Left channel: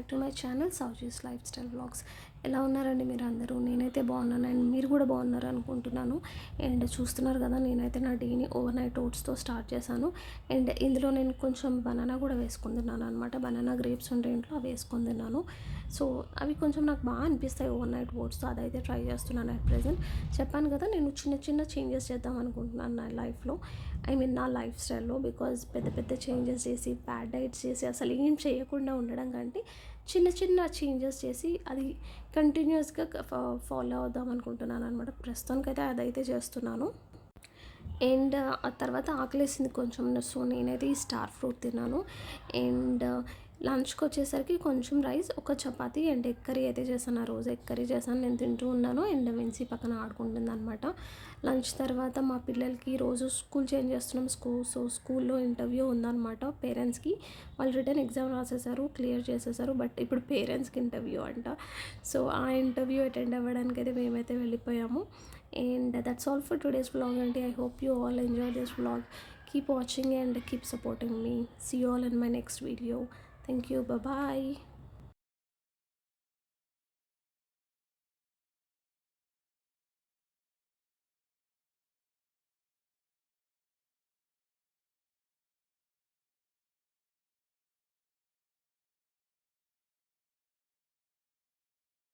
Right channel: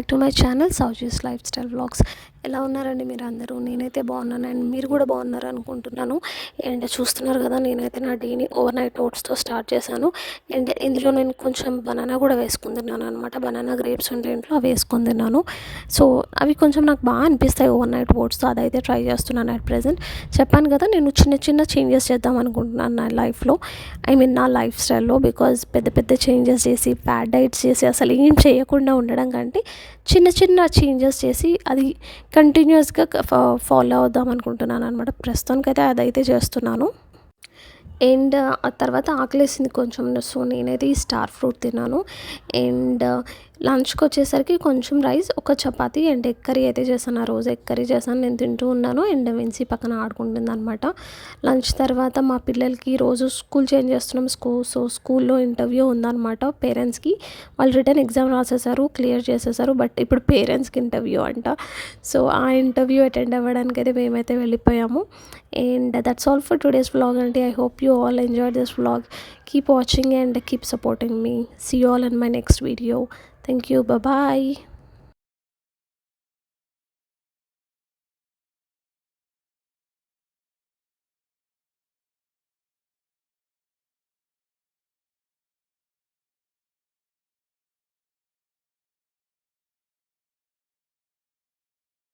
Back to my channel సౌజీస్ life style vlogs. ఎలా ఉన్నారండి మీరు అందరూ? నేనైతే బాగున్నాను అండ్ మీరు కూడా బాగున్నారు అనుకుంటున్నాను. అండ్ చూస్తున్నారు కదా, నేనైతే నా డేని ఓవర్ నైట్ ఓట్స్తో స్టార్ట్ చేశాను. అండ్ ఇందులో నేను కొంచెం బనానా కూడా వేసుకుని తిన్నాను అనమాట. బనానా గ్రేప్స్ ఉంటే ఇంట్లో అవి వేసుకొని తిన్నాను. సో అవి కొంచెం నాకు బాగా అనిపిస్తాయి ఓవర్ నైట్ ఓట్స్తో. అదైతే ట్రై చేస్తున్నాను అట్ ప్రెజెంట్. చెప్పాను కదా, నేను చిన్న చిన్న చేంజెస్ చేద్దాం అనుకుంటున్నాను నా లైఫ్లో, నా లైఫ్ స్టైల్లో. బికాజ్ పెద్ద పెద్ద చేంజెస్ చేసి బ్యాడ్ డైట్స్ చేసి అసలు ఏం చేయకుండా ఉండడం కంటే చిన్న చిన్న చేంజెస్ చేసి అది కంటిన్యూస్గా ఫాలో అవుదాం అనుకుంటున్నాను అనమాట. ప్రస్తుతానికైతే అదైతే చేస్తున్నాను. అండ్ ఆ తర్వాత ఆకలేసింది కొంచెం, సో నేనైతే ఈ స్టార్ ఫ్రూట్ తిన్నాను. అండ్ లంచ్కి వచ్చేసరికి కొంచెం రైస్, ఒక చపాతీ అండ్ ఎగ్ కర్రీ అయితే చేశాను. ఆ రోజు ఎగ్ కర్రీ చేశాను, నేను తింటూ ఉన్నాను. అండ్ విన్సీ పక్కన ఆడుకుంటుంది అనమాట. లంచ్ తర్వాత మా పిల్లలకి రోజు స్కూల్ చేంజ్ చేస్తున్నాం. సో స్కూల్లో ఇంటర్వ్యూ ఉందన్నమాట పేరెంట్స్కి. వాళ్ళు రిటర్న్ ఎగ్జామ్ రాసేసారు, క్లియర్ చేసేసారు. బట్ ఇప్పుడు పేరెంట్స్కి ఇంటర్వ్యూ అంట. సో ఆ ఇంటర్వ్యూ అటెండ్ అవ్వడానికి అయితే మేమైతే వెళ్ళిపోయాము. And that's all for today's vlog, and I hope you all enjoyed this vlog. Keep watching and keep supporting me. See you all in my next video. Thank you. Bye bye.